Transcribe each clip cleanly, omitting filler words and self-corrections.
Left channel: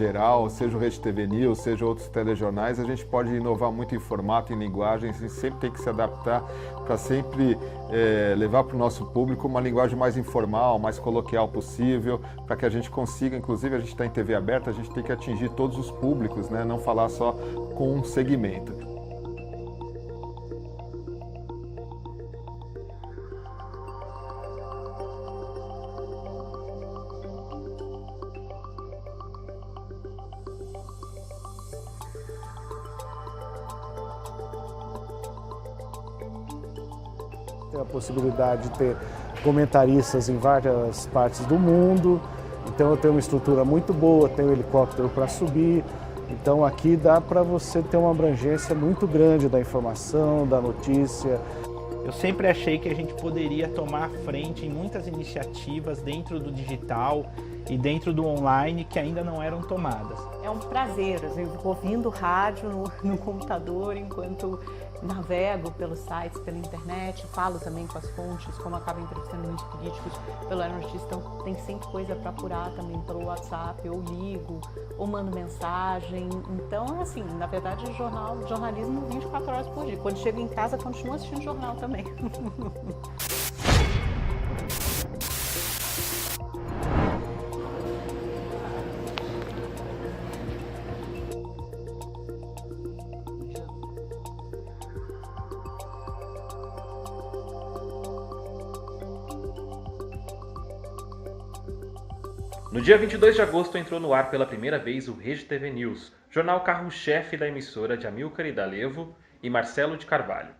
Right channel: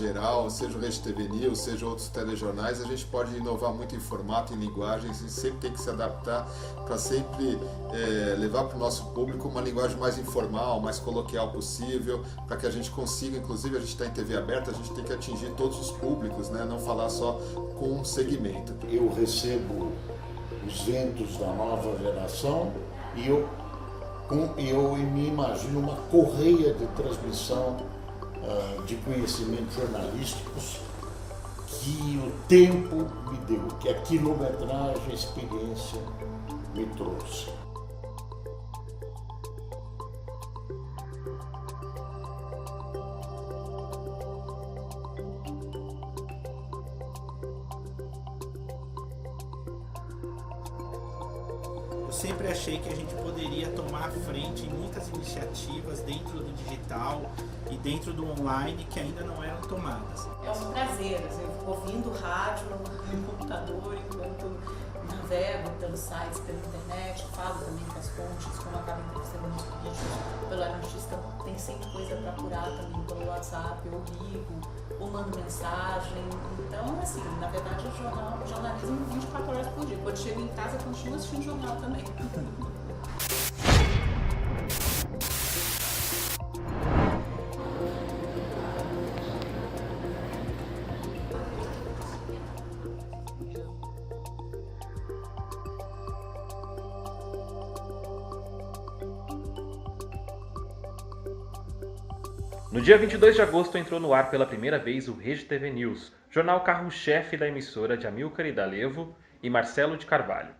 geral, seja o Rede TV News, seja outros telejornais, a gente pode inovar muito em formato, em linguagem, a gente sempre tem que se adaptar para sempre levar para o nosso público uma linguagem mais informal, mais coloquial possível, para que a gente consiga, inclusive a gente está em TV aberta, a gente tem que atingir todos os públicos, né? Não falar só com um segmento. Eu recebo os ventos da nova geração e eu me imagino uma correia de transmissão de conhecimentos jornalísticos que o tempo me deu, que a quilometragem, a experiência me trouxe. Tem a possibilidade de ter comentaristas em várias partes do mundo, então eu tenho uma estrutura muito boa, tenho helicóptero para subir, então aqui dá para você ter uma abrangência muito grande da informação, da notícia. Eu sempre achei que a gente poderia tomar a frente em muitas iniciativas dentro do digital e dentro do online que ainda não eram tomadas. É um prazer, eu fico ouvindo rádio no computador enquanto navego pelos sites, pela internet, falo também com as fontes, como acabo entrevistando os políticos pelo Notícias, então tem sempre coisa para apurar também pelo WhatsApp, ou ligo, ou mando mensagem. Então, assim, na verdade, o jornalismo 24 horas por dia. Quando chego em casa, continuo assistindo jornal também. No dia 22 de agosto entrou no ar pela primeira vez o Rede TV News, jornal carro-chefe da emissora de Amilcar Idalevo e Marcelo de Carvalho.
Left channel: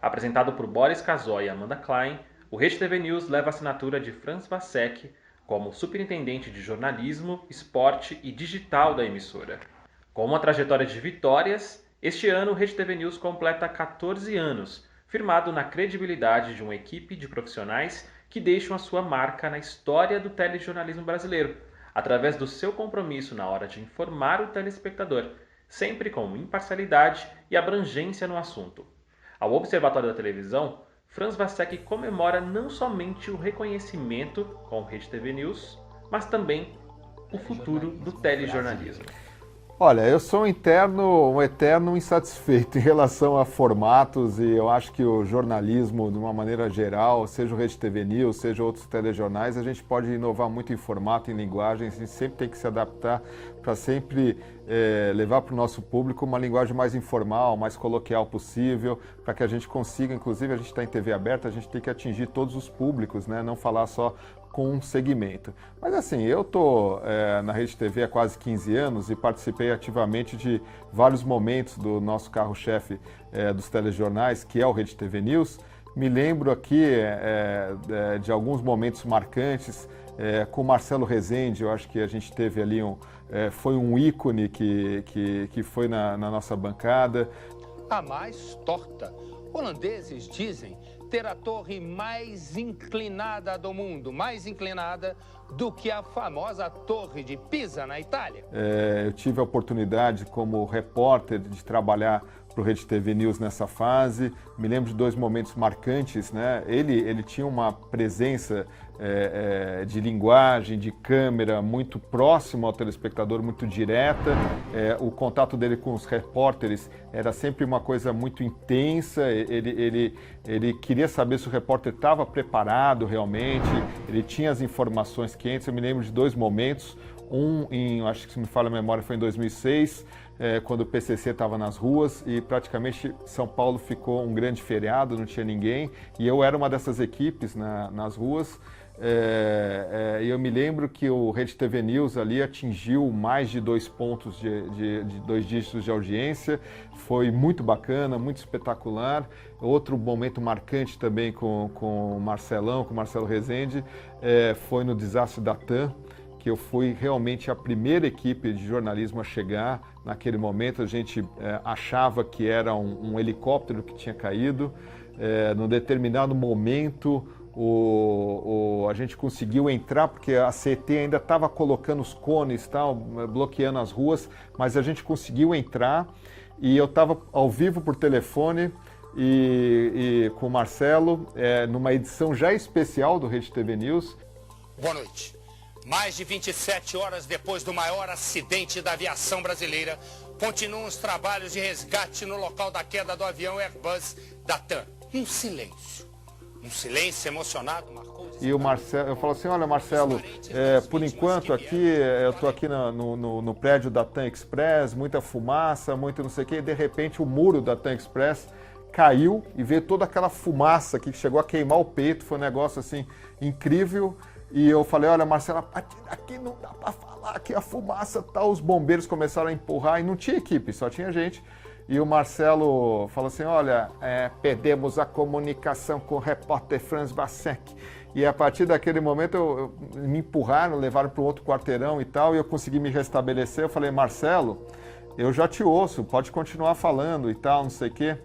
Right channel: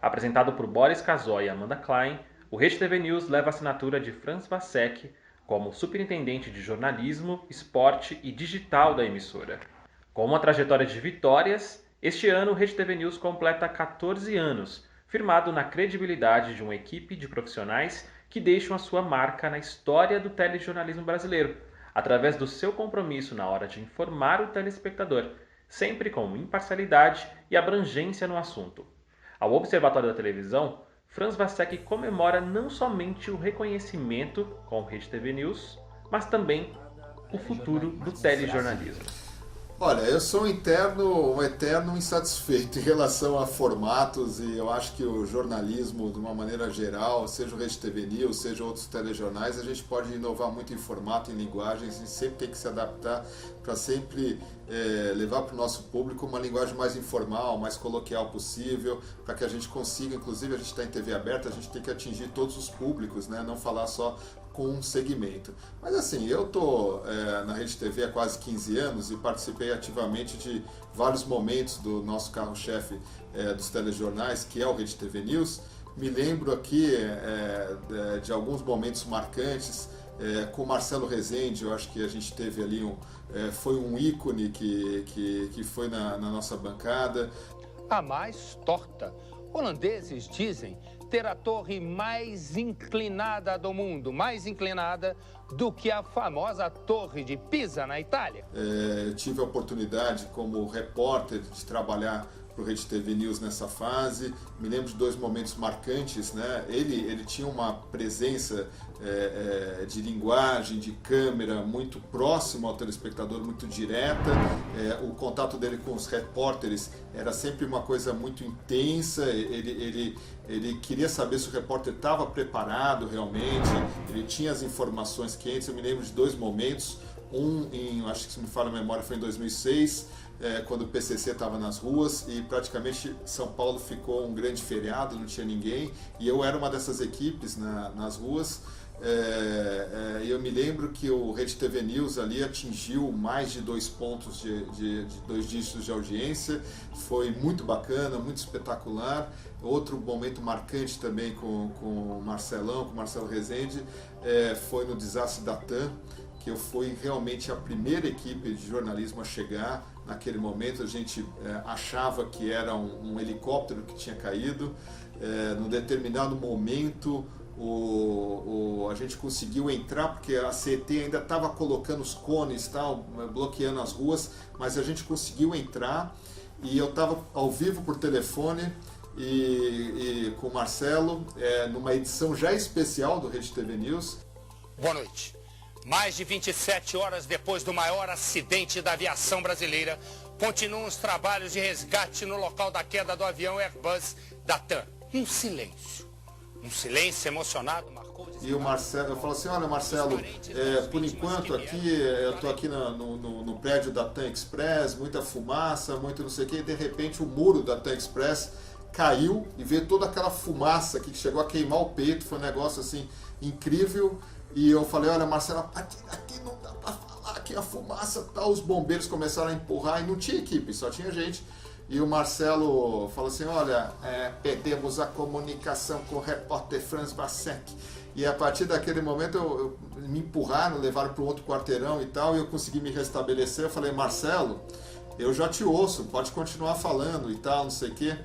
Apresentado por Boris Casoy e Amanda Klein, o Rede TV News leva a assinatura de Franz Vassek como superintendente de jornalismo, esporte e digital da emissora. Com uma trajetória de vitórias, este ano o Rede TV News completa 14 anos, firmado na credibilidade de uma equipe de profissionais que deixam a sua marca na história do telejornalismo brasileiro, através do seu compromisso na hora de informar o telespectador, sempre com imparcialidade e abrangência no assunto. Ao Observatório da Televisão, Franz Vassek comemora não somente o reconhecimento com o Rede TV News, mas também o futuro do telejornalismo. Olha, eu sou um eterno insatisfeito em relação a formatos e eu acho que o jornalismo, de uma maneira geral, seja o Rede TV News, seja outros telejornais, a gente pode inovar muito em formato, em linguagem, a gente sempre tem que se adaptar para sempre levar para o nosso público uma linguagem mais informal, mais coloquial possível, para que a gente consiga, inclusive a gente está em TV aberta, a gente tem que atingir todos os públicos, né? Não falar só com um segmento. Mas assim, eu estou na Rede TV há quase 15 anos e participei ativamente de vários momentos do nosso carro-chefe dos telejornais, que é o Rede TV News. Me lembro aqui de alguns momentos marcantes com o Marcelo Rezende, eu acho que a gente teve ali foi um ícone que foi na nossa bancada. A mais torta. Holandeses dizem ter a torre mais inclinada do mundo, mais inclinada do que a famosa Torre de Pisa, na Itália. Eu tive a oportunidade, como repórter, de trabalhar para o Rede TV News nessa fase. Me lembro de dois momentos marcantes, né? Ele tinha uma presença de linguagem, de câmera muito próximo ao telespectador, muito direta. O contato dele com os repórteres era sempre uma coisa muito intensa. Ele queria saber se o repórter estava preparado realmente, ele tinha as informações quentes. Eu me lembro de dois momentos, acho que se me falha a memória, foi em 2006, quando o PCC estava nas ruas e praticamente São Paulo ficou um grande feriado, não tinha ninguém, e eu era uma dessas equipes nas ruas. E eu me lembro que o Rede TV News ali atingiu mais de 2 pontos de 2 dígitos de audiência, foi muito bacana, muito espetacular. Outro momento marcante também com o Marcelão, com o Marcelo Rezende, foi no desastre da TAM, que eu fui realmente a primeira equipe de jornalismo a chegar. Naquele momento a gente achava que era um helicóptero que tinha caído. Num determinado momento a gente conseguiu entrar, porque a CET ainda estava colocando os cones, bloqueando as ruas, mas a gente conseguiu entrar e eu estava ao vivo por telefone e com o Marcelo, numa edição já especial do Rede TV News. Boa noite. Mais de 27 horas depois do maior acidente da aviação brasileira, continuam os trabalhos de resgate no local da queda do avião Airbus da TAM. Um silêncio emocionado marcou... E o Marcelo, eu falo assim, olha Marcelo, por enquanto aqui, eu estou aqui no prédio da TAM Express, muita fumaça, muito não sei o quê, e de repente o muro da TAM Express caiu e veio toda aquela fumaça aqui que chegou a queimar o peito, foi um negócio assim incrível. E eu falei, olha Marcelo, aqui não dá para falar, aqui a fumaça tá, os bombeiros começaram a empurrar e não tinha equipe, só tinha gente. E o Marcelo falou assim, olha, perdemos a comunicação com o repórter Franz Basek. E a partir daquele momento me empurraram, levaram para um outro quarteirão e tal, e eu consegui me restabelecer. Eu falei, Marcelo, eu já te ouço, pode continuar falando e tal, não sei o quê.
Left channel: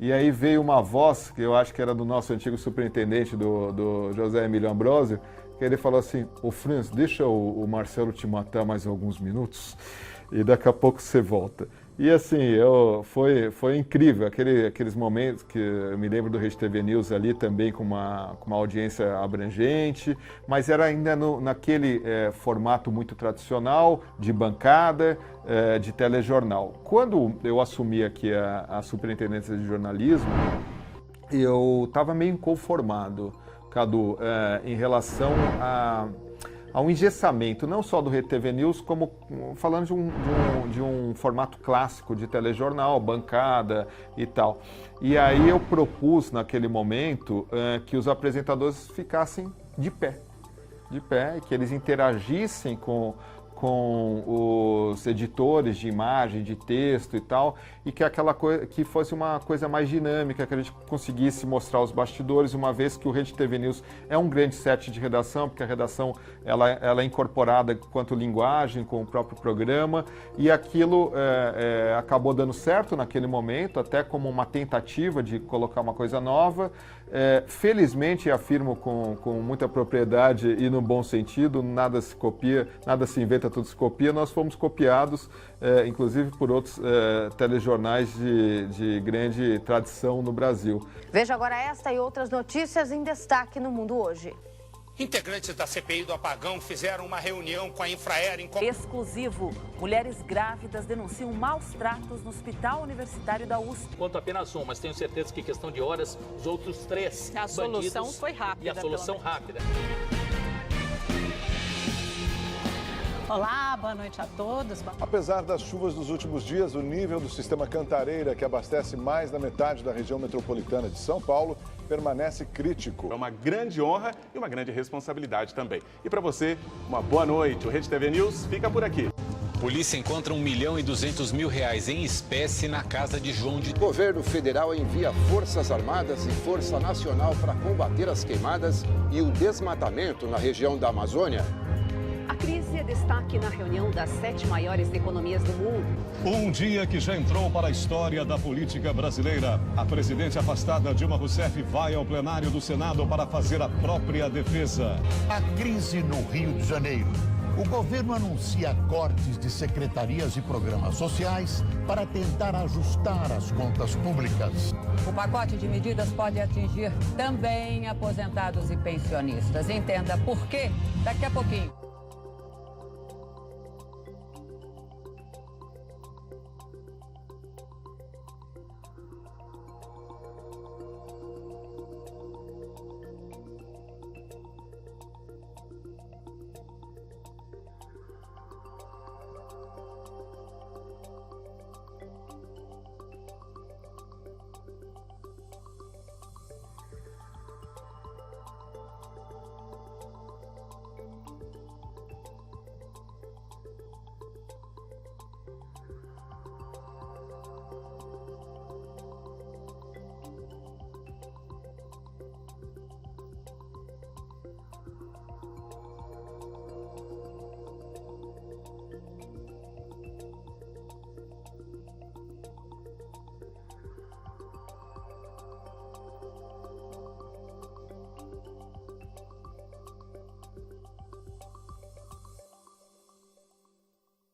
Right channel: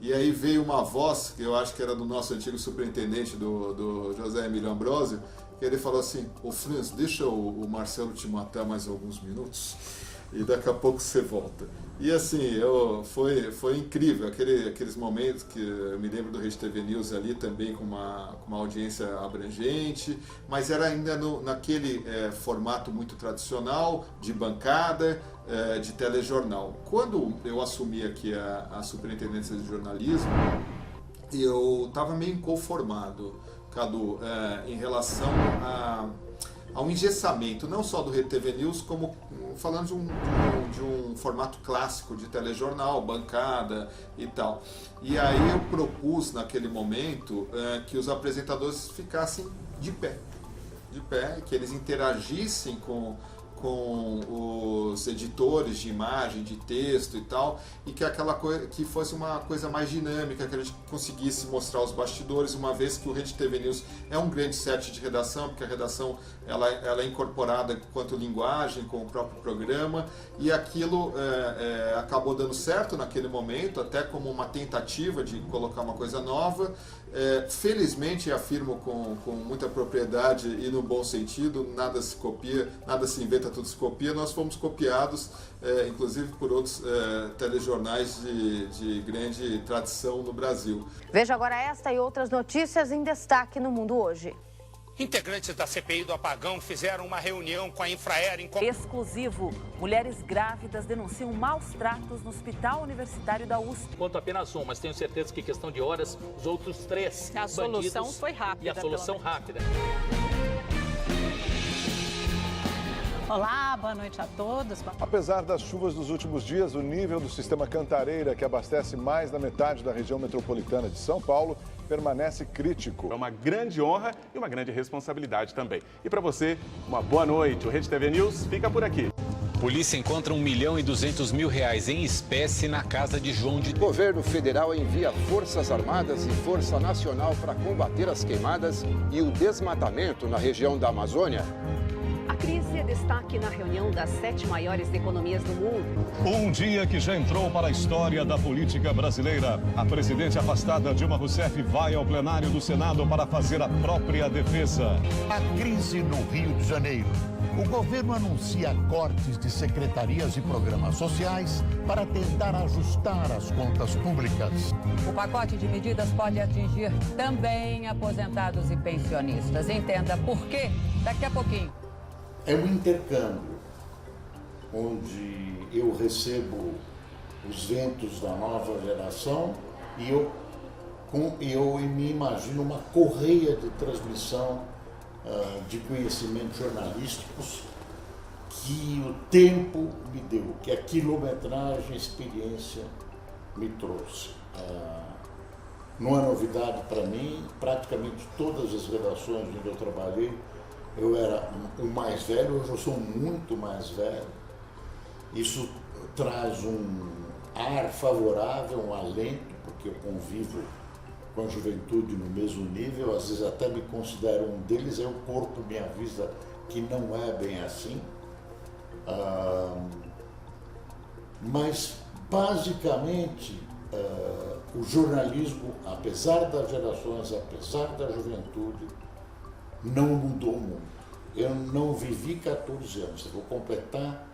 E aí veio uma voz, que eu acho que era do nosso antigo superintendente, do José Emílio Ambrosio, que ele falou assim, ô Franz, deixa o Marcelo te matar mais alguns minutos e daqui a pouco você volta. E assim, foi incrível, aqueles momentos que eu me lembro do Rede TV News ali também com uma audiência abrangente, mas era ainda naquele formato muito tradicional, de bancada, de telejornal. Quando eu assumi aqui a superintendência de jornalismo, eu estava meio inconformado, Cadu, em relação a um engessamento, não só do Rede TV News, como falando de um formato clássico de telejornal, bancada e tal. E aí eu propus, naquele momento, que os apresentadores ficassem de pé, e que eles interagissem com os editores de imagem, de texto e tal, e que aquela coisa que fosse uma coisa mais dinâmica, que a gente conseguisse mostrar os bastidores, uma vez que o Rede TV News é um grande set de redação, porque a redação ela é incorporada quanto linguagem com o próprio programa, e aquilo acabou dando certo naquele momento, até como uma tentativa de colocar uma coisa nova. Felizmente, afirmo com muita propriedade e no bom sentido, nada se copia, nada se inventa, tudo se copia. Nós fomos copiados, inclusive por outros telejornais de grande tradição no Brasil. Veja agora esta e outras notícias em destaque no Mundo Hoje. Integrantes da CPI do apagão fizeram uma reunião com a Infraero em... Exclusivo. Mulheres grávidas denunciam maus tratos no Hospital Universitário da USP. Conto apenas um, mas tenho certeza que em questão de horas, os outros 3 a solução foi rápida. E a solução rápida. Olá, boa noite a todos. Apesar das chuvas dos últimos dias, o nível do sistema Cantareira, que abastece mais da metade da região metropolitana de São Paulo, permanece crítico. É uma grande honra e uma grande responsabilidade também. E para você, uma boa noite. O Rede TV News fica por aqui. Polícia encontra R$1.200.000 em espécie na casa de João de... O governo federal envia Forças Armadas e Força Nacional para combater as queimadas e o desmatamento na região da Amazônia. A crise é destaque na reunião das 7 maiores economias do mundo. Um dia que já entrou para a história da política brasileira. A presidente afastada Dilma Rousseff vai ao plenário do Senado para fazer a própria defesa. A crise no Rio de Janeiro. O governo anuncia cortes de secretarias e programas sociais para tentar ajustar as contas públicas. O pacote de medidas pode atingir também aposentados e pensionistas. Entenda por quê daqui a pouquinho. É um intercâmbio, onde eu recebo os ventos da nova geração e eu me imagino uma correia de transmissão de conhecimentos jornalísticos que o tempo me deu, que a quilometragem, a experiência me trouxe. Não é novidade para mim, praticamente todas as redações onde eu trabalhei, eu era o mais velho, hoje eu sou muito mais velho. Isso traz um ar favorável, um alento, porque eu convivo com a juventude no mesmo nível, às vezes até me considero um deles, aí o corpo me avisa que não é bem assim. Mas, basicamente, o jornalismo, apesar das gerações, apesar da juventude, não mudou muito. Eu não vivi 14 anos, eu vou completar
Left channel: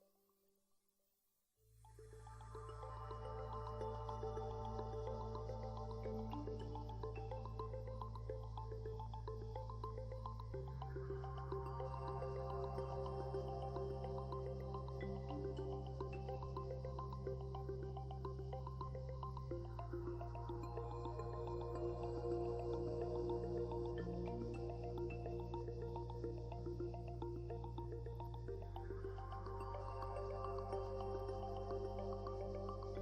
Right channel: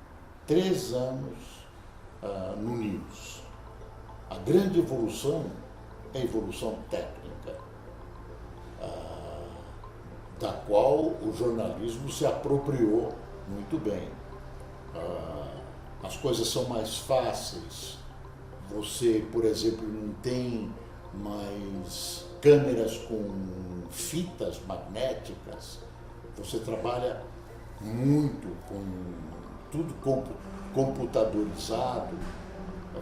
3 anos no News. A grande evolução é a evolução técnica. da qual o jornalismo se apropriou muito bem. As coisas são mais fáceis. Você, por exemplo, não tem mais câmeras com fitas magnéticas. Você trabalha muito com tudo computadorizado,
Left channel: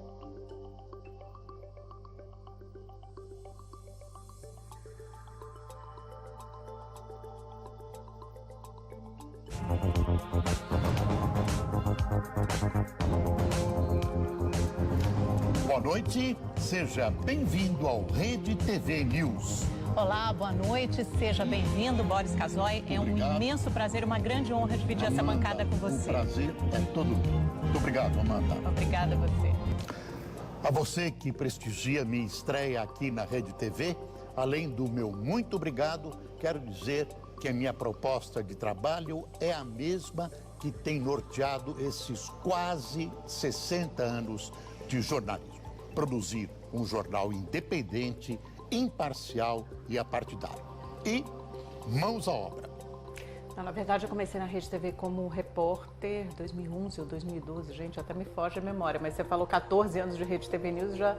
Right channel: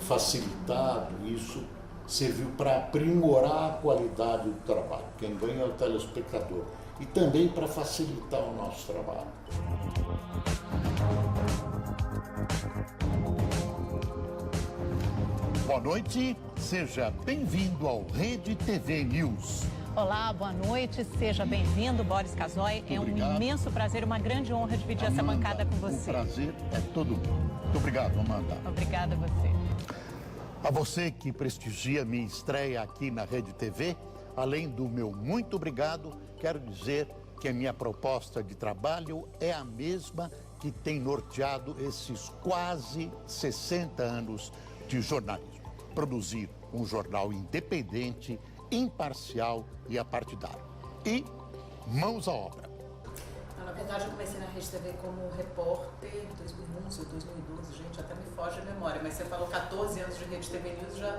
facilitado. Isso serviu para aprimorar a qualidade do trabalho. Quem ganha é o telespectador. E também para facilitar o nosso trabalho. Boa noite, seja bem-vindo ao Rede TV News. Olá, boa noite, seja bem-vindo, Boris Casoy. É um imenso prazer, uma grande honra dividir essa bancada com você. O prazer é todo meu. Muito obrigado, Amanda. Obrigada a você. A você que prestigia minha estreia aqui na Rede TV, além do meu muito obrigado, quero dizer que a minha proposta de trabalho é a mesma que tem norteado esses quase 60 anos de jornalismo. Produzir um jornal independente, imparcial e apartidário. E mãos à obra. Na verdade, eu comecei na Rede TV como repórter em 2011 ou 2012, gente, até me foge a memória, mas você falou 14 anos de Rede TV News, já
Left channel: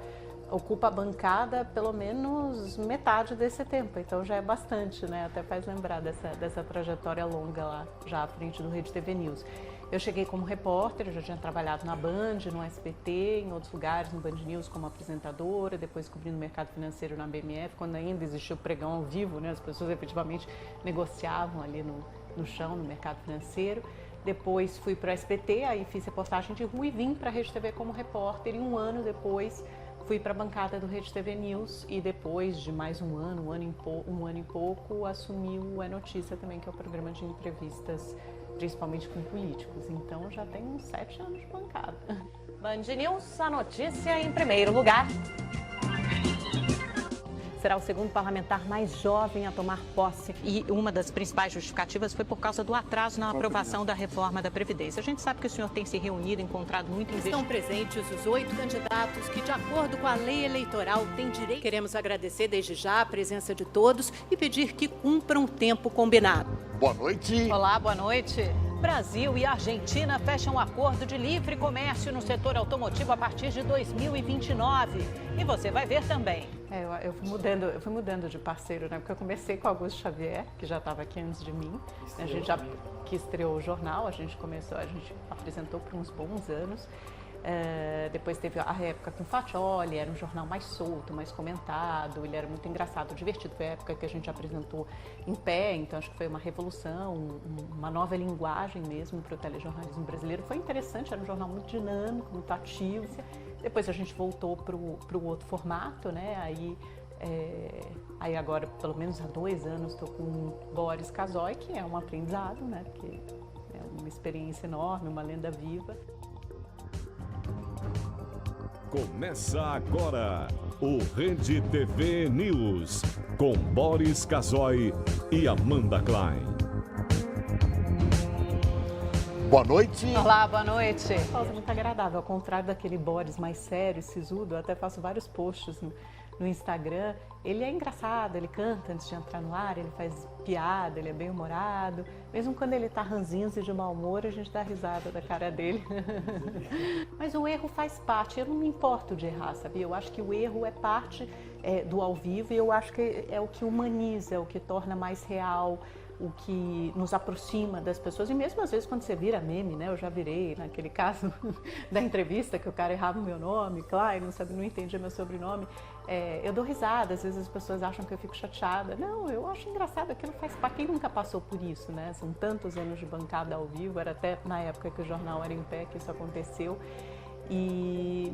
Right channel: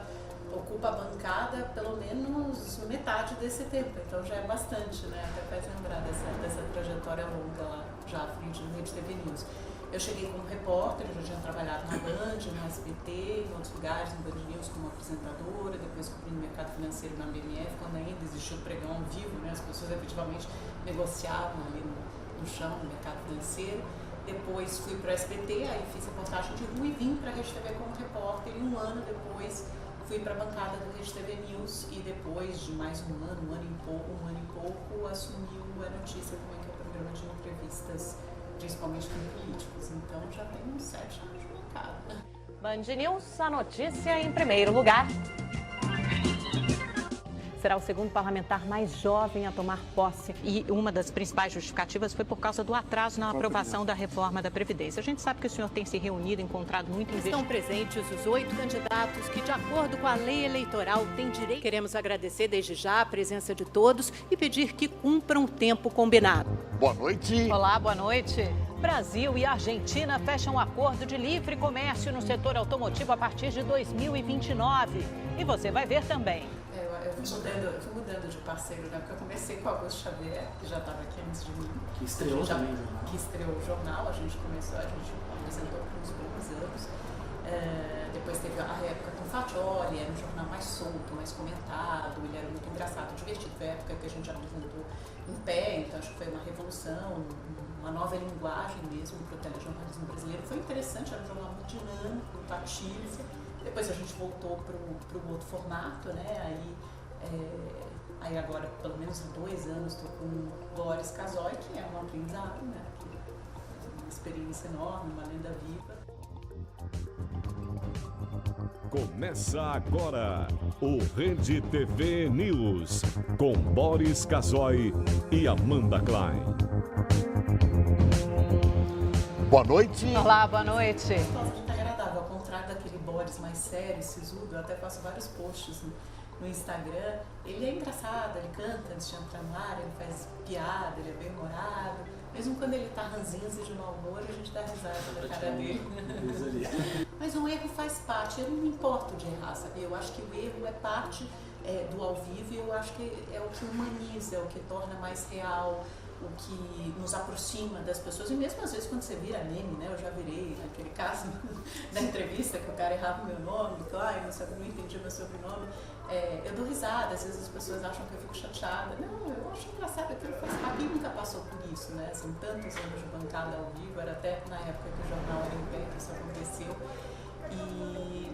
ocupa a bancada pelo menos metade desse tempo, então já é bastante, né? Até faz lembrar dessa trajetória longa lá, já à frente do Rede TV News. Eu cheguei como repórter, eu já tinha trabalhado na Band, no SBT, em outros lugares, no Band News como apresentadora, depois cobrindo o mercado financeiro na BMF, quando ainda existia o pregão ao vivo, né? As pessoas efetivamente negociavam ali no chão, no mercado financeiro. Depois fui para o SBT, aí fiz reportagem de rua e vim para a Rede TV como repórter, e um ano depois fui para a bancada do Rede TV News, e depois de mais um ano e pouco, assumi o É Notícia também, que é o programa de entrevistas, principalmente com políticos. Então já tem uns 7 anos de bancada. Band News, a notícia em primeiro lugar. Será o segundo parlamentar mais jovem a tomar posse. E uma das principais justificativas foi por causa do atraso na aprovação da reforma da Previdência. A gente sabe que o senhor tem se reunido, encontrado muito Estão presentes os 8 candidatos que, de acordo com a lei eleitoral, têm direito. Queremos agradecer desde já a presença de todos e pedir que cumpram o tempo combinado. Boa noite. Olá, boa noite. Brasil e Argentina fecham um acordo de livre comércio no setor automotivo a partir de 2029. E você vai ver também. Eu fui mudando de parceiro, né? Porque eu comecei com Augusto Xavier, que já estava aqui antes de mim. Que estreou o jornal, a gente apresentou por uns bons anos. Depois teve a época com o Faccioli, era um jornal mais solto, mais comentado, ele era muito engraçado, divertido. Foi a época que a gente apresentou em pé, então acho que foi uma revolução, uma nova linguagem mesmo para o telejornalismo brasileiro. Foi interessante, era um jornal muito dinâmico, muito ativo. Depois a gente voltou para o outro formato, né? Aí agora, pelo menos há 2 anos, estou com o Boris Casoy, que é um aprendizado, né? Porque é uma experiência enorme, uma lenda viva. Começa agora o Rede TV News, com Boris Casoy e Amanda Klein. Boa noite. Olá, boa noite. Muito agradável, ao contrário daquele Boris mais sério, sisudo, eu até faço vários posts no Instagram. Ele é engraçado, ele canta antes de entrar no ar, ele faz piada, ele é bem humorado. Mesmo quando ele tá ranzinza e de mau humor, a gente dá risada da cara dele. Mas o erro faz parte, eu não me importo de errar, sabia? Eu acho que o erro é parte do ao vivo, e eu acho que é o que humaniza, é o que torna mais real, o que nos aproxima das pessoas. E mesmo às vezes quando você vira meme, né? Eu já virei naquele caso da entrevista que o cara errava o meu nome, Klein, não entendia meu sobrenome. Eu dou risada, às vezes as pessoas acham que eu fico chateada. Não, eu acho engraçado, aquilo faz parte. Quem nunca passou por isso, né? São tantos anos de bancada ao vivo, era até na época que o jornal era em pé que isso aconteceu.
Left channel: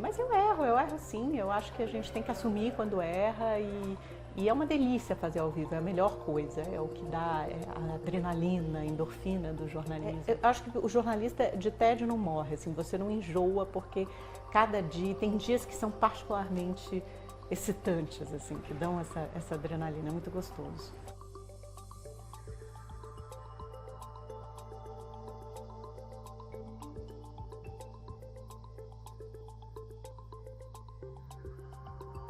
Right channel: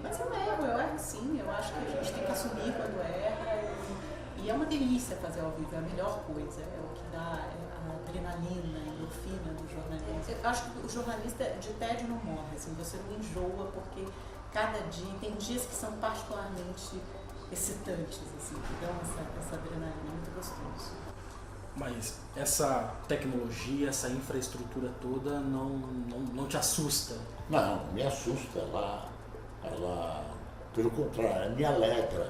Mas eu erro sim, eu acho que a gente tem que assumir quando erra, e é uma delícia fazer ao vivo, é a melhor coisa, é o que dá a adrenalina, a endorfina do jornalismo. Eu acho que o jornalista de tédio não morre, assim, você não enjoa, porque cada dia, tem dias que são particularmente excitantes, assim, que dão essa adrenalina, é muito gostoso. Mas essa tecnologia, essa infraestrutura toda não te assusta? Não, me assusta, ela pelo contrário, me alegra,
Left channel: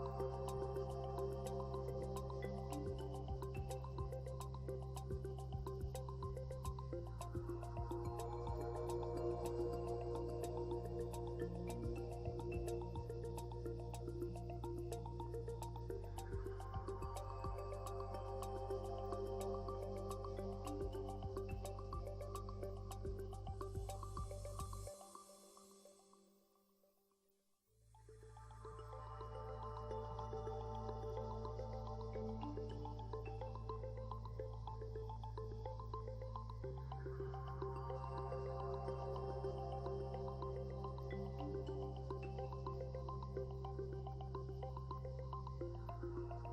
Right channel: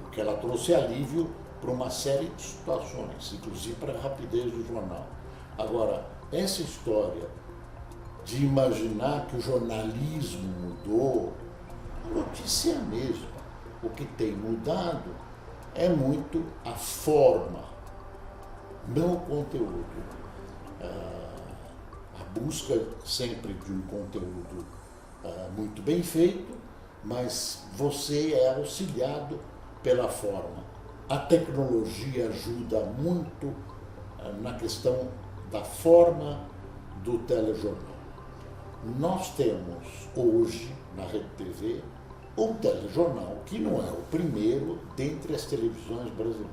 porque ela trouxe alívio para uma série de situações, inclusive para a rapidez do jornal. Agora, essa história de imaginar que o jornalismo mudou, a notícia é a mesma. O que tem mudado é muito a forma, não o conteúdo. A busca sempre de um conteúdo muito bem feito, mas você é auxiliado pela forma. A tecnologia ajuda muito na questão da forma do telejornal. Nós temos hoje na Rede TV um telejornal que não é o primeiro dentre as televisões brasileiras,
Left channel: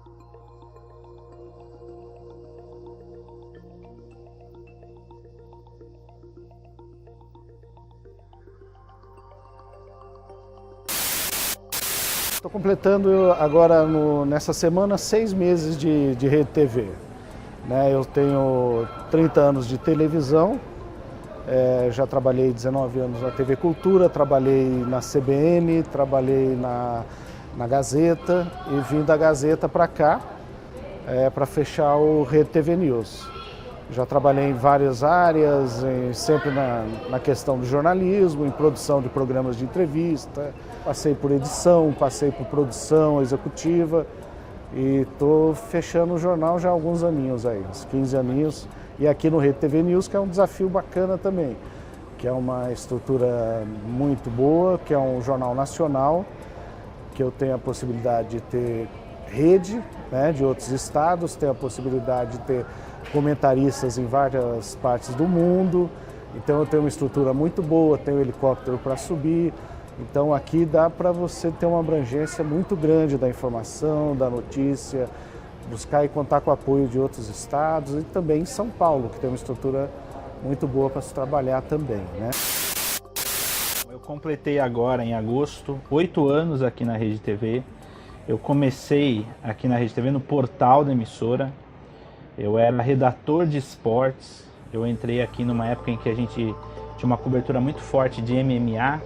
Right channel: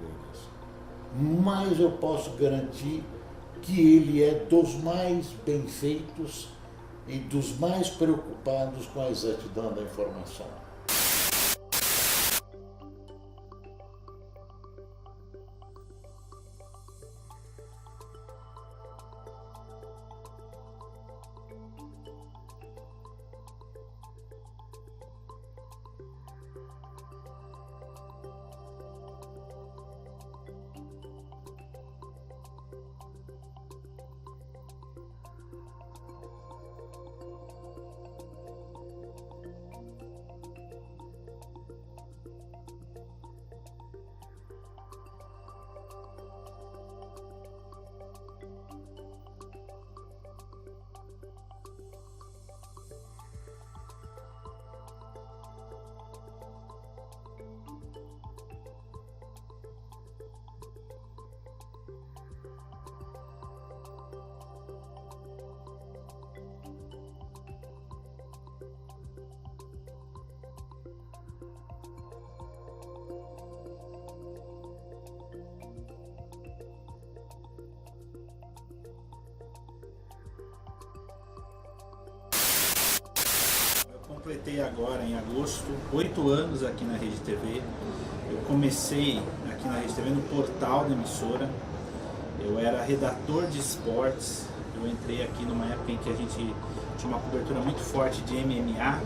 mas eu posso garantir que ele é dos mais bem feitos e dos mais preocupados com a exatidão da informação. Estou completando agora, nessa semana, 6 meses de Rede TV. Eu tenho 30 anos de televisão, já trabalhei 19 anos na TV Cultura, trabalhei na CBN, trabalhei na Gazeta e vim da Gazeta para cá para fechar o Rede TV News. Já trabalhei em várias áreas, sempre na questão do jornalismo, em produção de programas de entrevista, passei por edição, passei por produção executiva e estou fechando o jornal já há alguns aninhos aí, uns 15 aninhos. E aqui no Rede TV News, que é um desafio bacana também, que é uma estrutura muito boa, que é um jornal nacional, que eu tenho a possibilidade de ter rede, de outros estados, tenho a possibilidade de ter comentaristas em várias partes do mundo, então eu tenho uma estrutura muito boa, tenho helicóptero para subir, então aqui dá para você ter uma abrangência muito grande da informação, da notícia, buscar e contar com o apoio de outros estados e também em São Paulo, que tem uma estrutura muito boa para se trabalhar também, Eu completei agora, em agosto, 8 anos aqui na Rede TV. Eu comecei aqui na Rede TV no portal da emissora. Eu era redator de esportes. Eu entrei aqui numa época em que a gente tinha uma cobertura muito forte de MMA.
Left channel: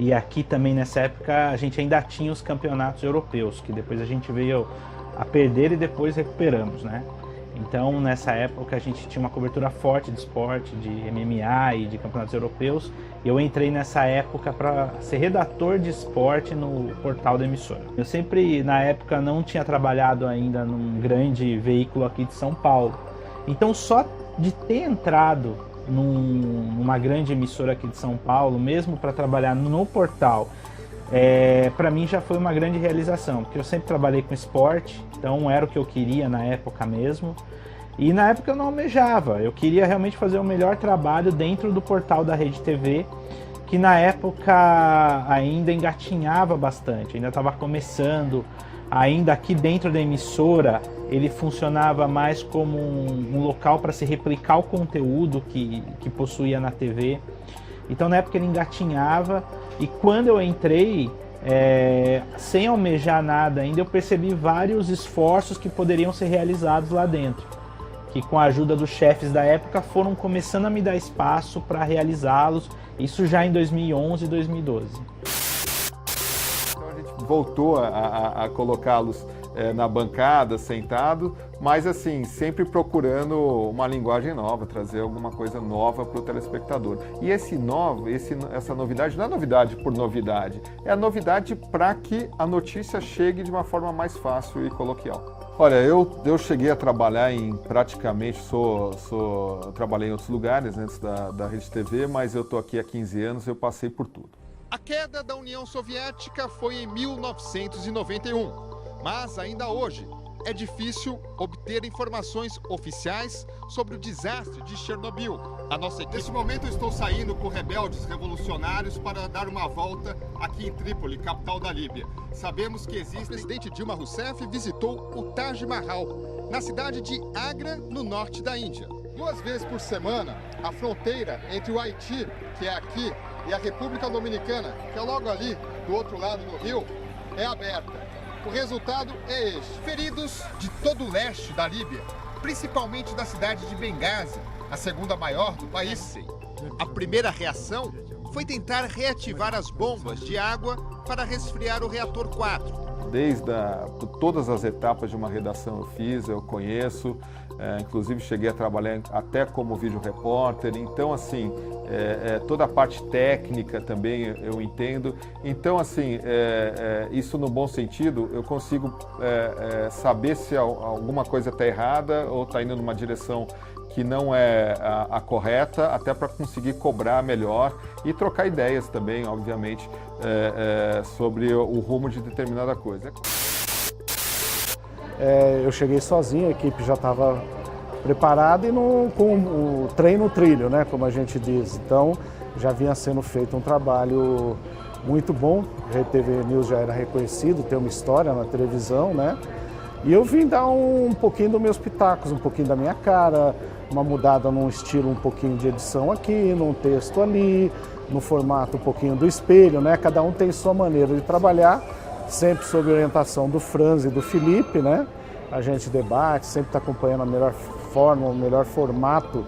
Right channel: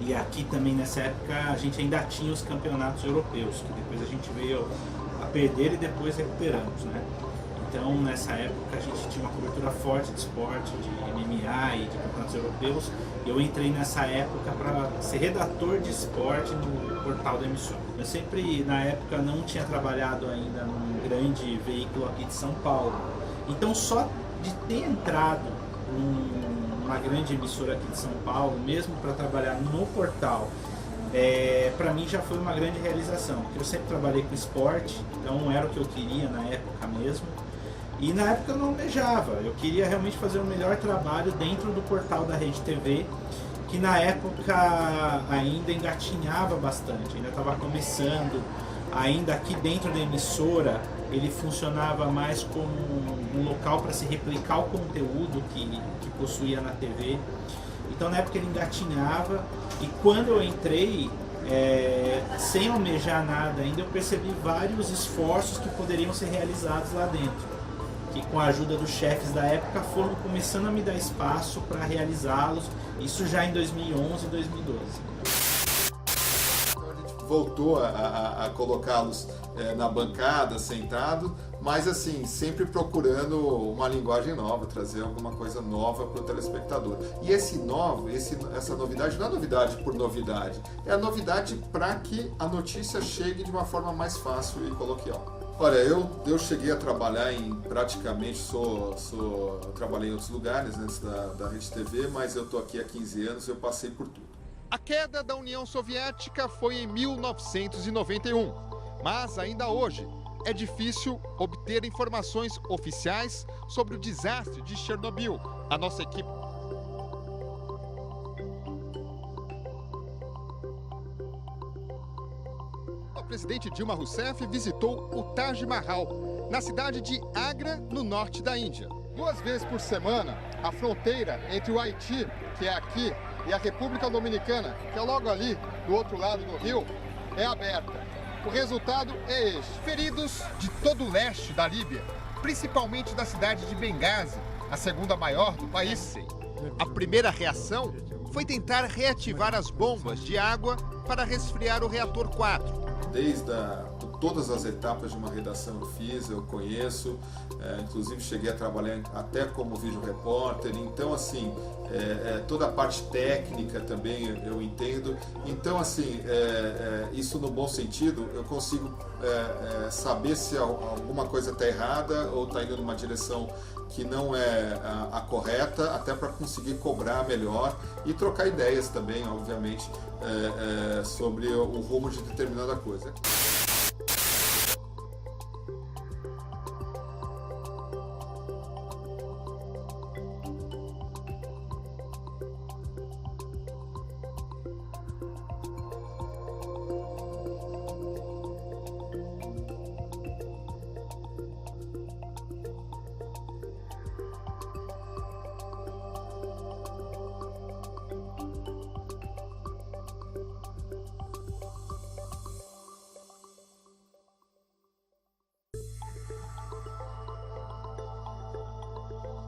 E aqui também nessa época a gente ainda tinha os campeonatos europeus, que depois a gente veio a perder e depois recuperamos, Então nessa época a gente tinha uma cobertura forte de esporte, de MMA e de campeonatos europeus. Eu entrei nessa época para ser redator de esporte no portal da emissora. Eu sempre na época não tinha trabalhado ainda num grande veículo aqui de São Paulo. Então só de ter entrado numa grande emissora aqui de São Paulo, mesmo para trabalhar no portal, para mim já foi uma grande realização, porque eu sempre trabalhei com esporte, então era o que eu queria na época mesmo. E na época eu não almejava, eu queria realmente fazer o melhor trabalho dentro do portal da Rede TV, que na época ainda engatinhava bastante, ainda estava começando, ainda aqui dentro da emissora ele funcionava mais como um local para se replicar o conteúdo que possuía na TV. Então na época ele engatinhava e quando eu entrei, sem almejar nada ainda, eu percebi vários esforços que poderiam ser realizados lá dentro, que com a ajuda dos chefes da época foram começando a me dar espaço para realizá-los, isso já em 2011 e 2012. Então a gente voltou a colocá-los na bancada, sentado, mas assim, sempre procurando uma linguagem nova, trazer alguma coisa nova para o telespectador. E essa novidade não é novidade por novidade, é a novidade para que a notícia chegue de uma forma mais fácil e coloquial. Olha, eu cheguei a trabalhar em praticamente, trabalhei em outros lugares antes da Rede TV, mas eu estou aqui há 15 anos, eu passei por tudo. A queda da União Soviética foi em 1991, mas ainda hoje é difícil obter informações oficiais sobre o desastre de Chernobyl. A nossa equipe... Nesse momento eu estou saindo com rebeldes revolucionários para dar uma volta aqui em Trípoli, capital da Líbia. Sabemos que existe... O presidente Dilma Rousseff visitou o Taj Mahal, na cidade de Agra, no norte da Índia. 2 vezes por semana, a fronteira entre o Haiti, que é aqui, e a República Dominicana, que é logo ali, do outro lado do rio, é aberta. O resultado é este. Feridos de todo o leste da Líbia, principalmente da cidade de Benghazi, a segunda maior do país. A primeira reação foi tentar reativar as bombas de água para resfriar o reator 4. todas as etapas de uma redação eu fiz, eu conheço, inclusive cheguei a trabalhar até como vídeo repórter, então assim, toda a parte técnica também eu entendo, então assim, isso no bom sentido, eu consigo saber se alguma coisa está errada ou está indo numa direção que não é a correta, até para conseguir cobrar melhor e trocar ideias também, obviamente, sobre o rumo de determinada coisa. Eu cheguei sozinho, a equipe já estava preparada e com o trem no trilho, né, como a gente diz. Então, já vinha sendo feito um trabalho muito bom. A Rede TV News já era reconhecido, tem uma história na televisão, né? E eu vim dar um pouquinho dos meus pitacos, um pouquinho da minha cara, uma mudada num estilo um pouquinho de edição aqui, num texto ali, no formato um pouquinho do espelho, né? Cada um tem sua maneira de trabalhar, sempre sob orientação do Franz e do Felipe, né? A gente debate, sempre está acompanhando a melhor forma, o melhor formato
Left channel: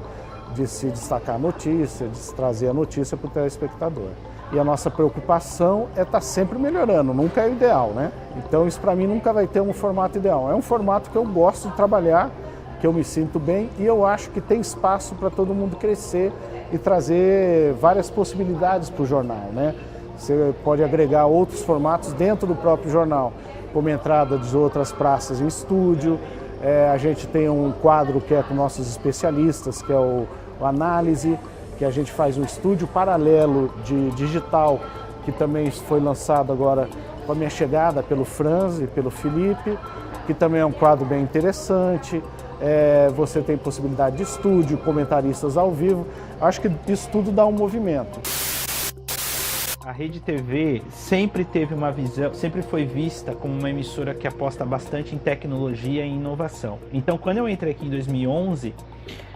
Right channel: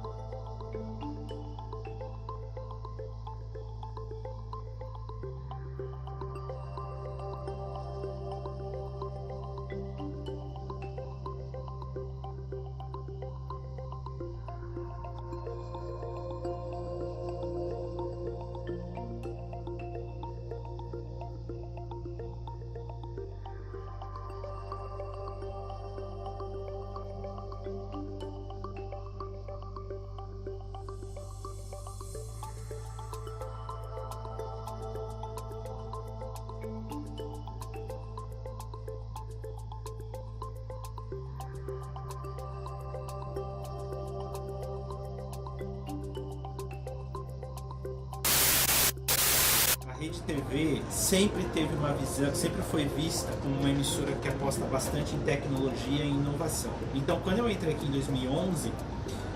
de se destacar a notícia, de se trazer a notícia para o telespectador. E a nossa preocupação é estar sempre melhorando, nunca é o ideal, né? Então isso para mim nunca vai ter um formato ideal. É um formato que eu gosto de trabalhar, que eu me sinto bem e eu acho que tem espaço para todo mundo crescer e trazer várias possibilidades para o jornal, né? Você pode agregar outros formatos dentro do próprio jornal, como entrada de outras praças em estúdio. A gente tem um quadro que é com nossos especialistas, que é o Análise, que a gente faz um estúdio paralelo de digital, que também foi lançado agora com a minha chegada pelo Franz e pelo Felipe, que também é um quadro bem interessante. Você tem possibilidade de estúdio, comentaristas ao vivo. Acho que isso tudo dá um movimento. A Rede TV sempre teve uma visão, sempre foi vista como uma emissora que aposta bastante em tecnologia e inovação. Então, quando eu entrei aqui em 2011,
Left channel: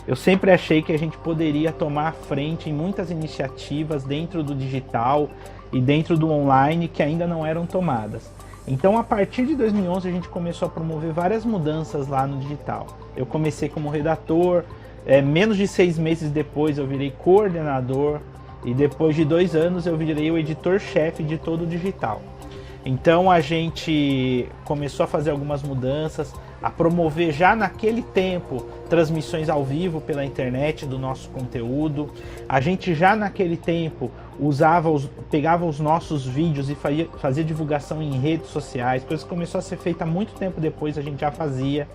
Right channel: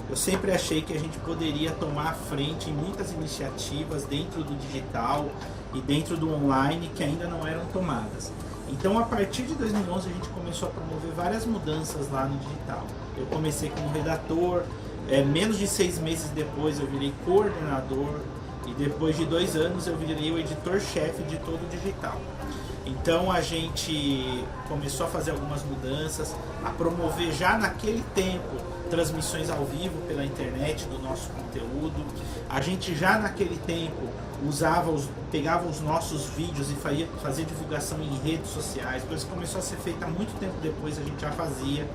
eu sempre achei que a gente poderia tomar a frente em muitas iniciativas dentro do digital e dentro do online que ainda não eram tomadas. Então, a partir de 2011, a gente começou a promover várias mudanças lá no digital. Eu comecei como redator, menos de 6 meses depois eu virei coordenador e depois de 2 anos eu virei o editor-chefe de todo o digital. Então a gente começou a fazer algumas mudanças, a promover já naquele tempo transmissões ao vivo pela internet do nosso conteúdo. A gente já naquele tempo pegava os nossos vídeos e fazia divulgação em redes sociais, coisa que começou a ser feita muito tempo depois, a gente já fazia.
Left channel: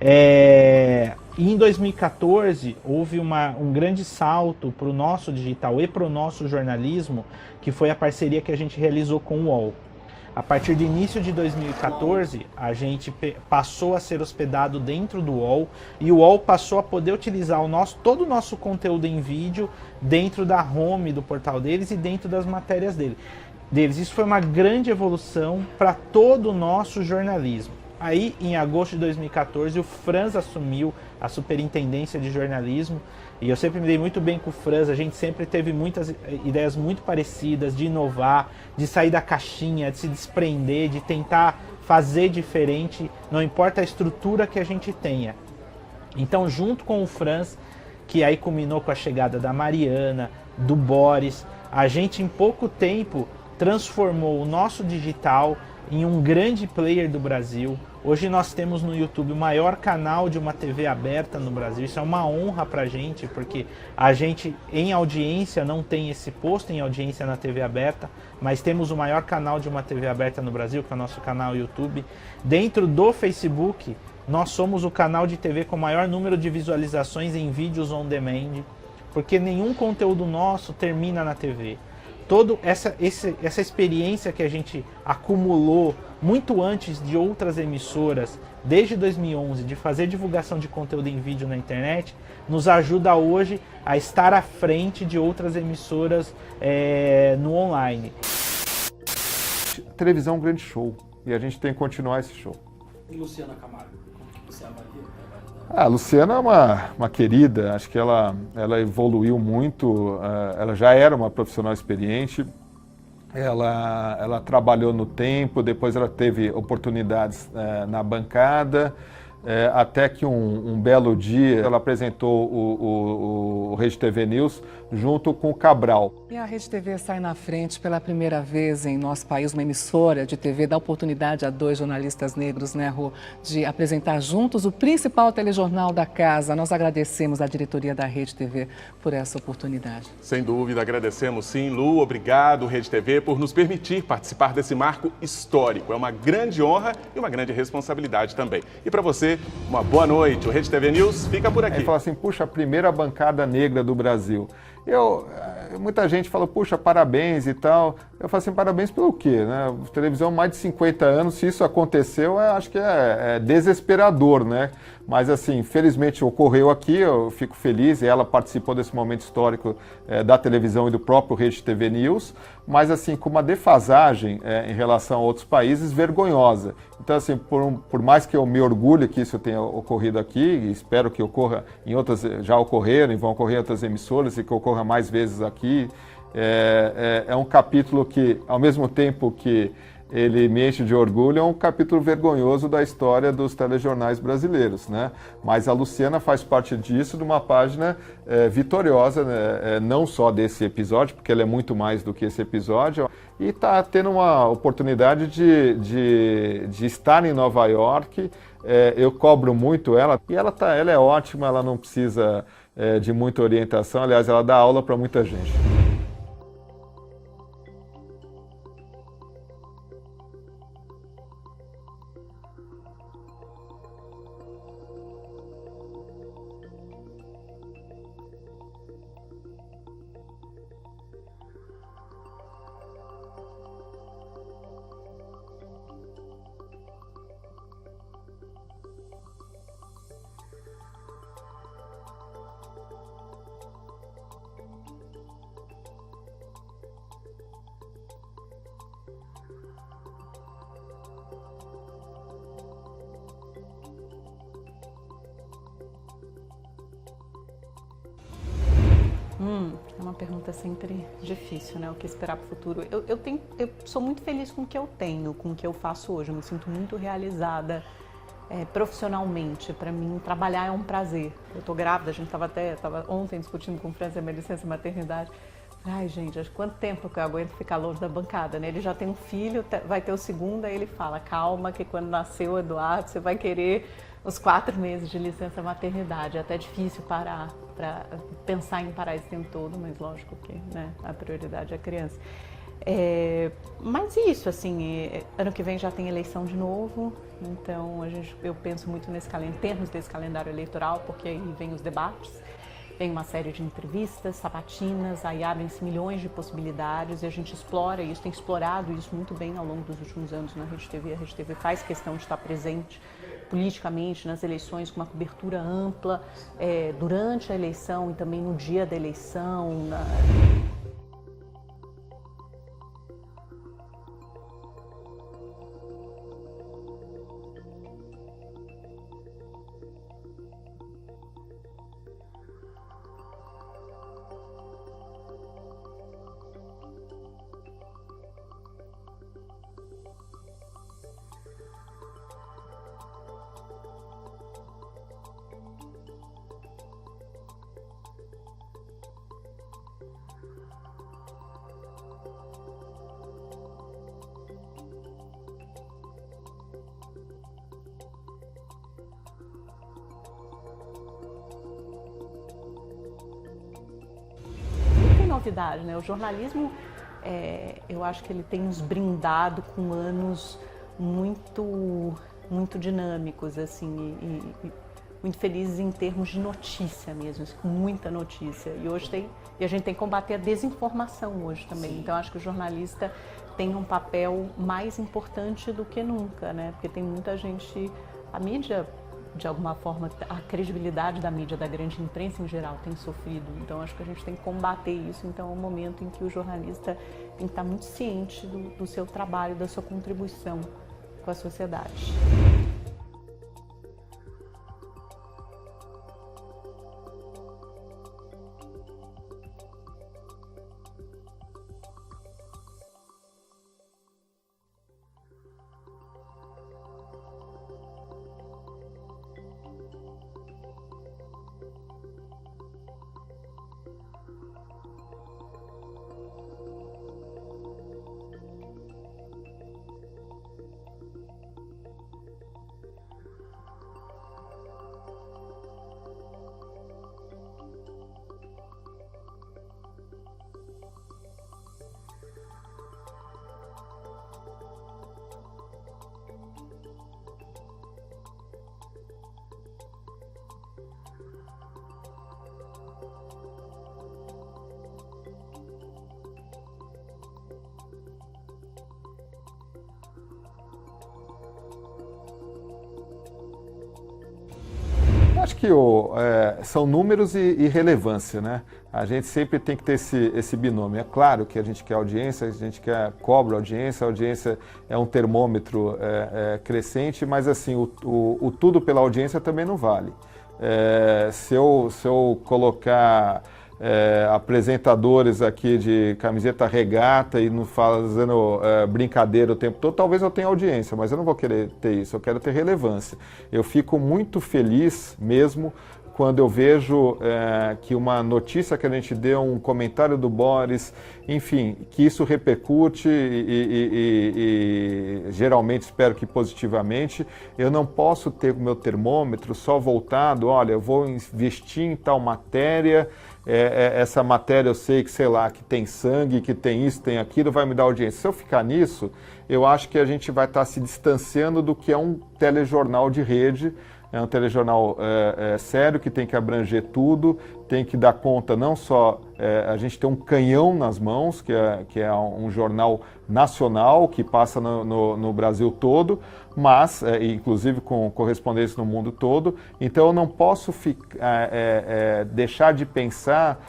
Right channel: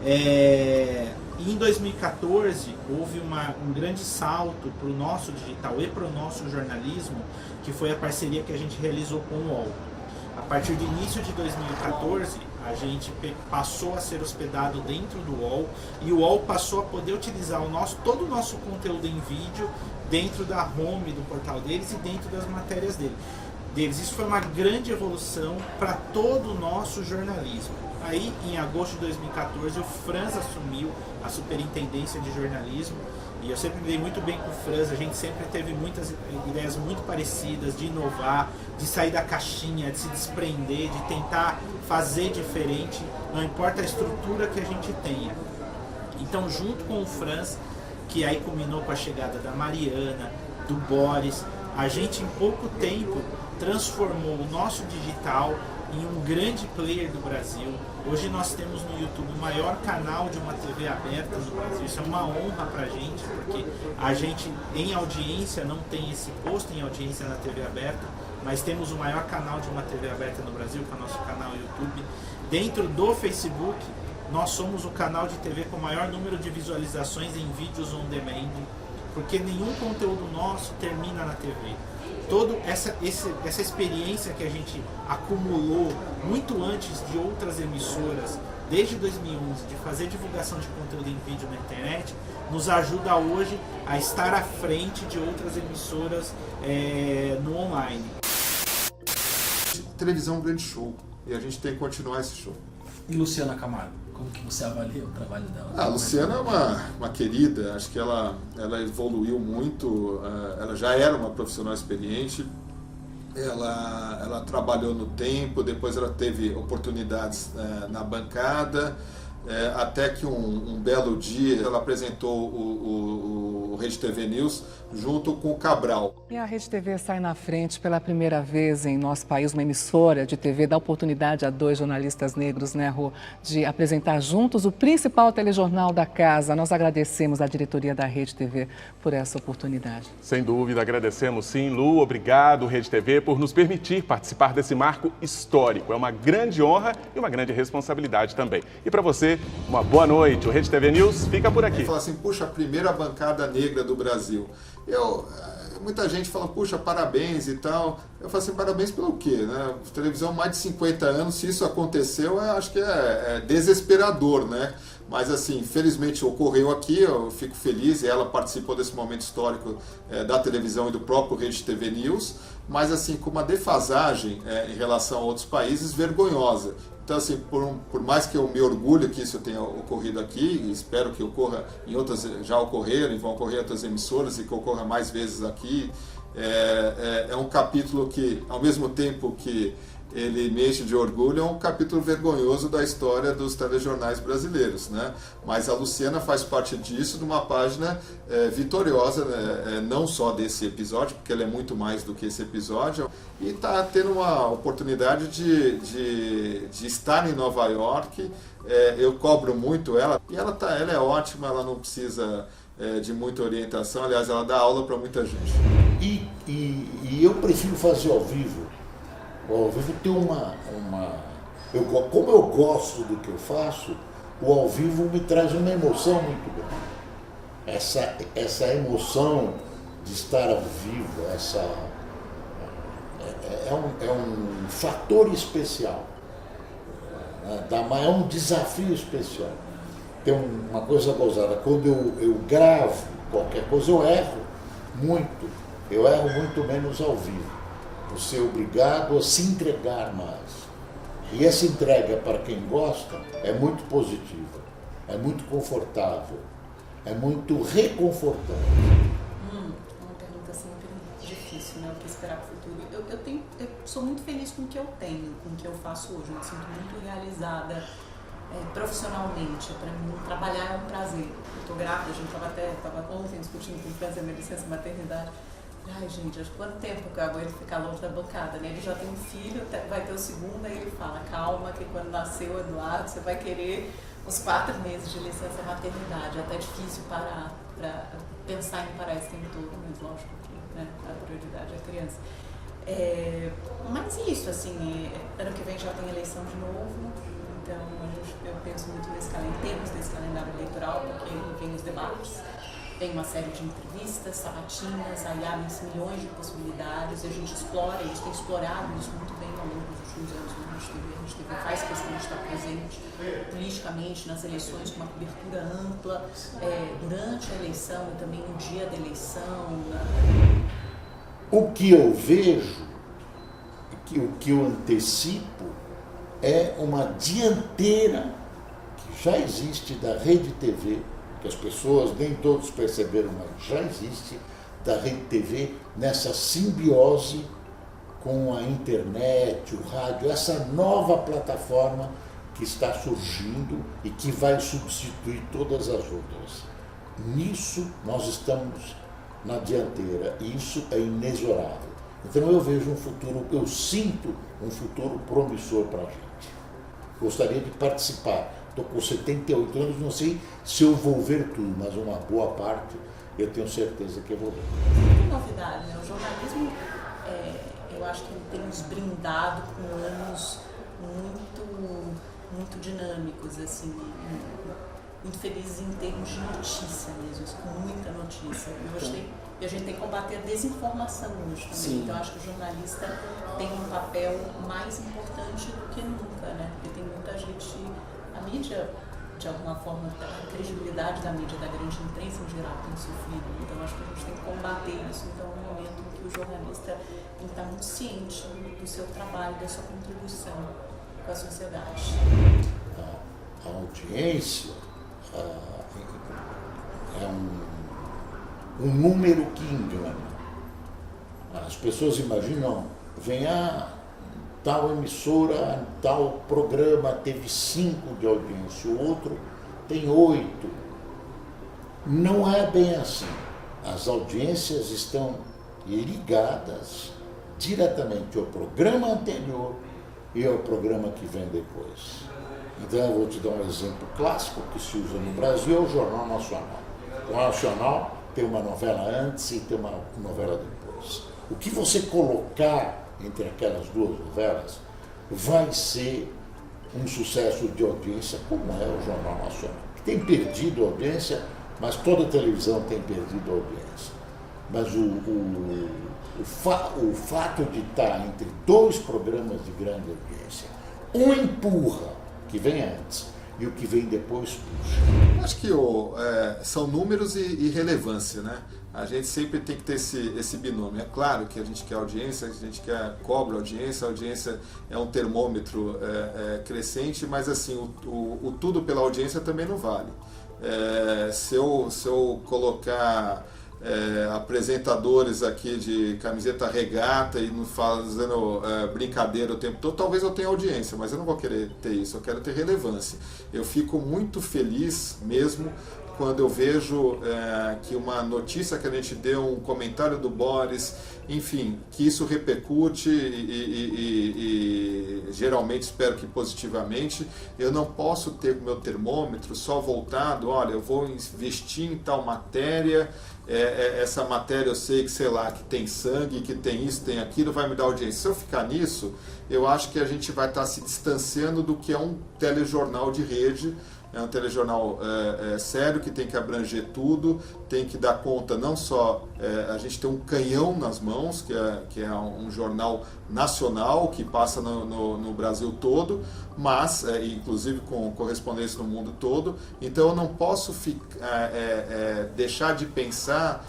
E em 2014 houve um grande salto para o nosso digital e para o nosso jornalismo, que foi a parceria que a gente realizou com o UOL. A partir do início de 2014, a gente passou a ser hospedado dentro do UOL e o UOL passou a poder utilizar todo o nosso conteúdo em vídeo dentro da home do portal deles e dentro das matérias deles. Isso foi uma grande evolução para todo o nosso jornalismo. Aí, em agosto de 2014, o Franz assumiu a superintendência de jornalismo e eu sempre me dei muito bem com o Franz, a gente sempre teve muitas ideias muito parecidas de inovar, de sair da caixinha, de se desprender, de tentar fazer diferente, não importa a estrutura que a gente tenha. Então, junto com o Franz, que aí culminou com a chegada da Mariana, do Boris, a gente em pouco tempo transformou o nosso digital em um grande player do Brasil. Hoje nós temos no YouTube o maior canal de uma TV aberta no Brasil. Isso é uma honra pra gente, porque a gente em audiência não tem esse posto em audiência na TV aberta, mas temos o maior canal de uma TV aberta no Brasil, que é o nosso canal YouTube. Dentro do Facebook, nós somos o canal de TV com o maior número de visualizações em vídeos on demand, porque nenhum conteúdo nosso termina na TV. Toda essa experiência que a gente acumulou muito antes de outras emissoras, desde 2011, de fazer divulgação de conteúdo em vídeo na internet, nos ajuda hoje a estar à frente de outras emissoras no online. Televisão é um grande show e a gente tem que continuar esse show. E Luciana Camargo? Como que você avalia o trabalho dela? A Luciana é uma querida, acho que ela evoluiu muito, ela já era uma profissional experiente, ela trabalhou no tempo, depois ela teve oportunidades na bancada, até que um belo dia ela apresentou o Rede TV News junto com o Cabral. E a Rede TV sai na frente pela primeira vez em nosso país, uma emissora de TV, dá oportunidade a 2 jornalistas negros, né, Rô, de apresentar juntos o principal telejornal da casa. Nós agradecemos à diretoria da Rede TV por essa oportunidade. Sem dúvida, agradecemos sim, Lu. Obrigado, Rede TV, por nos permitir participar desse marco histórico. É uma grande honra e uma grande responsabilidade também. E para você, uma boa noite. O Rede TV News fica por aqui. Ele fala assim, puxa, a primeira bancada negra do Brasil. Muita gente fala, puxa, parabéns e tal. Eu falo assim, parabéns pelo quê? Né? Televisão mais de 50 anos, se isso aconteceu, acho que é desesperador, né? Mas assim, felizmente ocorreu aqui, eu fico feliz, e ela participou desse momento histórico da televisão e do próprio Rede TV News, mas assim, com uma defasagem em relação a outros países vergonhosa. Então, assim, por mais que eu me orgulhe que isso tenha ocorrido aqui, e espero que ocorra em outras, já ocorreram e vão ocorrer em outras emissoras, e que ocorra mais vezes aqui, é um capítulo que, ao mesmo tempo que ele me enche de orgulho, é um capítulo vergonhoso da história dos telejornais brasileiros, né? Mas a Luciana faz parte disso, de uma página vitoriosa, né? Não só desse episódio, porque ela é muito mais do que esse episódio, e está tendo uma oportunidade de estar em Nova York. Eu cobro muito ela, e ela é ótima, ela não precisa de muita orientação, aliás, ela dá aula para muita gente. E eu prefiro fazer ao vivo. O ao vivo tem como eu gosto do que eu faço, o ao vivo me traz uma emoção muito grande. Essa emoção de estar ao vivo, é um fator especial, né? É um desafio especial. Tem uma coisa gozada, quando eu gravo qualquer coisa, eu erro muito menos ao vivo. Você é obrigado a se entregar mais. E essa entrega, para quem gosta, é muito positiva, é muito confortável, é muito reconfortante. Uma pergunta sempre difícil, né? O que esperar para o futuro? Eu sou muito feliz com o que eu tenho, com o que eu faço hoje. Eu me sinto muito realizada profissionalmente. Para mim, trabalhar é um prazer. Eu estou grávida, a gente estava ontem discutindo com o Franz a minha licença maternidade. Ai, gente, quanto tempo que eu aguento ficar longe da bancada, né? Ele já tem um filho, vai ter o segundo, aí ele fala, calma, que quando nasceu o Eduardo, você vai querer os 4 meses de licença maternidade. É até difícil parar, para pensar em parar esse tempo todo, mas lógico que, né, a prioridade é a criança. Mas isso, assim, ano que vem já tem eleição de novo, então eu penso muito em termos desse calendário eleitoral, porque aí vem os debates. Tem uma série de entrevistas, sabatinas, aí abrem-se milhões de possibilidades e a gente explora isso, tem explorado isso muito bem ao longo dos últimos anos na Rede TV. A Rede TV faz questão de estar presente politicamente nas eleições com uma cobertura ampla durante a eleição e também no dia da eleição. O que eu vejo, o que eu antecipo, é uma dianteira que já existe da Rede TV, que as pessoas, nem todos perceberam, mas já existe, da Rede TV nessa simbiose com a internet, o rádio, essa nova plataforma que está surgindo e que vai substituir todas as outras. Nisso nós estamos na dianteira e isso é inexorável. Então eu vejo um futuro, eu sinto um futuro promissor para a gente. Gostaria de participar. Estou com 78 anos, não sei se eu vou ver tudo, mas uma boa parte eu tenho certeza que eu vou ver. Tem novidade, né? O jornalismo, eu acho que ele tem nos brindado com anos muito dinâmicos, assim, muito felizes em termos de notícia mesmo, muita notícia. E a gente tem que combater a desinformação hoje também. Sim. Então, acho que o jornalista tem um papel mais importante do que nunca, né? Porque tem muita gente... A mídia, de alguma forma, a credibilidade da mídia, da grande imprensa em geral, tem sofrido. Então, acho que a gente tem que combater isso. Então, é um momento em que o jornalista tem que estar muito ciente do seu trabalho, da sua contribuição com a sociedade. A audiência é um número que engana. As pessoas imaginam, vem tal emissora, tal programa teve 5 de audiência, o outro tem 8. Não é bem assim. As audiências estão ligadas diretamente ao programa anterior e ao programa que vem depois. Então eu vou te dar um exemplo clássico que se usa no Brasil, é o Jornal Nacional. O Jornal Nacional tem uma novela antes e tem uma novela depois. O que você colocar entre aquelas duas novelas vai ser um sucesso de audiência, como é o Jornal Nacional, que tem perdido audiência, mas toda televisão tem perdido audiência. Mas o fato de estar entre 2 programas de grande audiência, um empurra que vem antes e o que vem depois puxa. Eu acho que são números e relevância, né? A gente sempre tem que ter esse binômio. É claro que a gente quer audiência, a gente cobra audiência, a audiência é um termômetro crescente, mas assim, o tudo pela audiência também não vale. Se eu colocar apresentadores aqui de camiseta regata e não fazendo brincadeira o tempo todo, talvez eu tenha audiência, mas eu não vou querer ter isso, eu quero ter relevância. Eu fico muito feliz mesmo quando eu vejo que uma notícia que a gente deu, um comentário do Boris, enfim, que isso repercute e geralmente espero que positivamente. Eu não posso ter o meu termômetro só voltado, olha, eu vou investir em tal matéria, essa matéria eu sei que, sei lá, que tem sangue, que tem isso, tem aquilo, vai me dar audiência. Se eu ficar nisso, eu acho que a gente vai estar se distanciando do que é um telejornal de rede. É um telejornal sério, que tem que abranger tudo, tem que dar conta não só... a gente tem um canhão nas mãos, que é um jornal nacional, que passa no Brasil todo, mas, inclusive com correspondência no mundo todo. Então eu não posso deixar de pensar...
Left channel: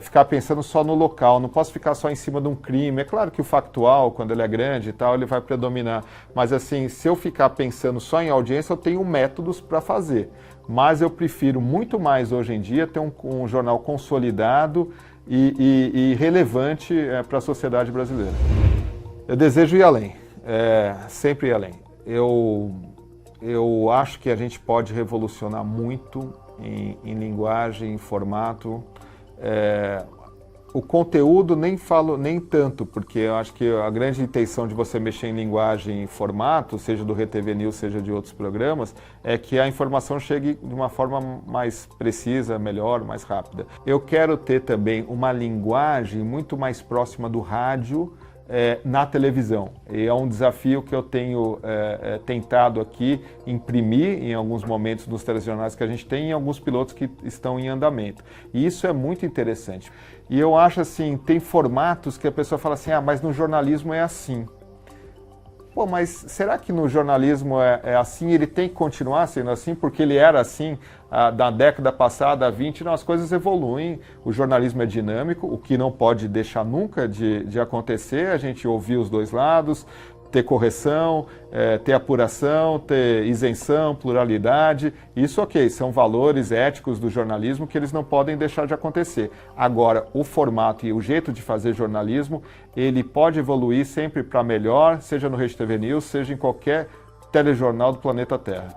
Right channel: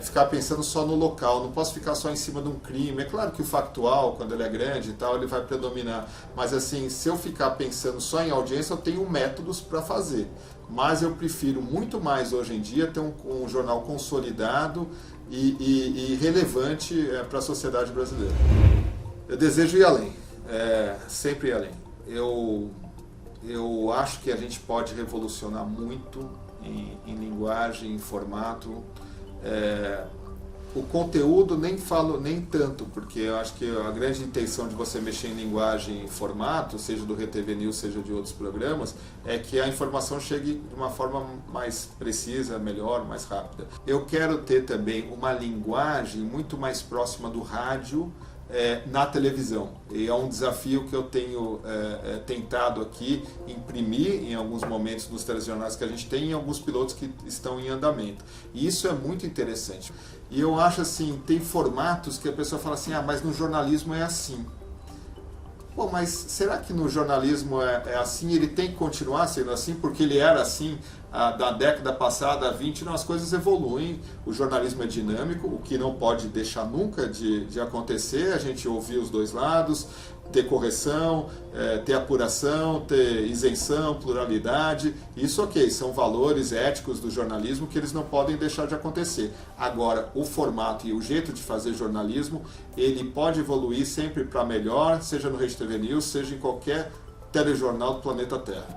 ficar pensando só no local, não posso ficar só em cima de um crime. É claro que o factual, quando ele é grande e tal, ele vai predominar, mas assim, se eu ficar pensando só em audiência, eu tenho métodos para fazer, mas eu prefiro muito mais hoje em dia ter um jornal consolidado e relevante para a sociedade brasileira. Eu desejo ir além, sempre ir além. Eu acho que a gente pode revolucionar muito em linguagem, em formato. O conteúdo nem tanto, porque eu acho que a grande intenção de você mexer em linguagem e formato, seja do RTV News, seja de outros programas, é que a informação chegue de uma forma mais precisa, melhor, mais rápida. Eu quero ter também uma linguagem muito mais próxima do rádio na televisão. E é um desafio que eu tenho tentado aqui imprimir em alguns momentos nos telejornais que a gente tem e em alguns pilotos que estão em andamento. E isso é muito interessante. E eu acho assim, tem formatos que a pessoa fala assim, mas no jornalismo é assim. Pô, mas será que no jornalismo é assim? Ele tem que continuar sendo assim porque ele era assim da década passada, 20, não, as coisas evoluem, o jornalismo é dinâmico, o que não pode deixar nunca de acontecer, a gente ouvir os dois lados, ter correção, ter apuração, ter isenção, pluralidade, isso ok, são valores éticos do jornalismo que eles não podem deixar de acontecer. Agora, o formato e o jeito de fazer jornalismo, ele pode evoluir sempre para melhor, seja no Rede TV News, seja em qualquer telejornal do planeta Terra.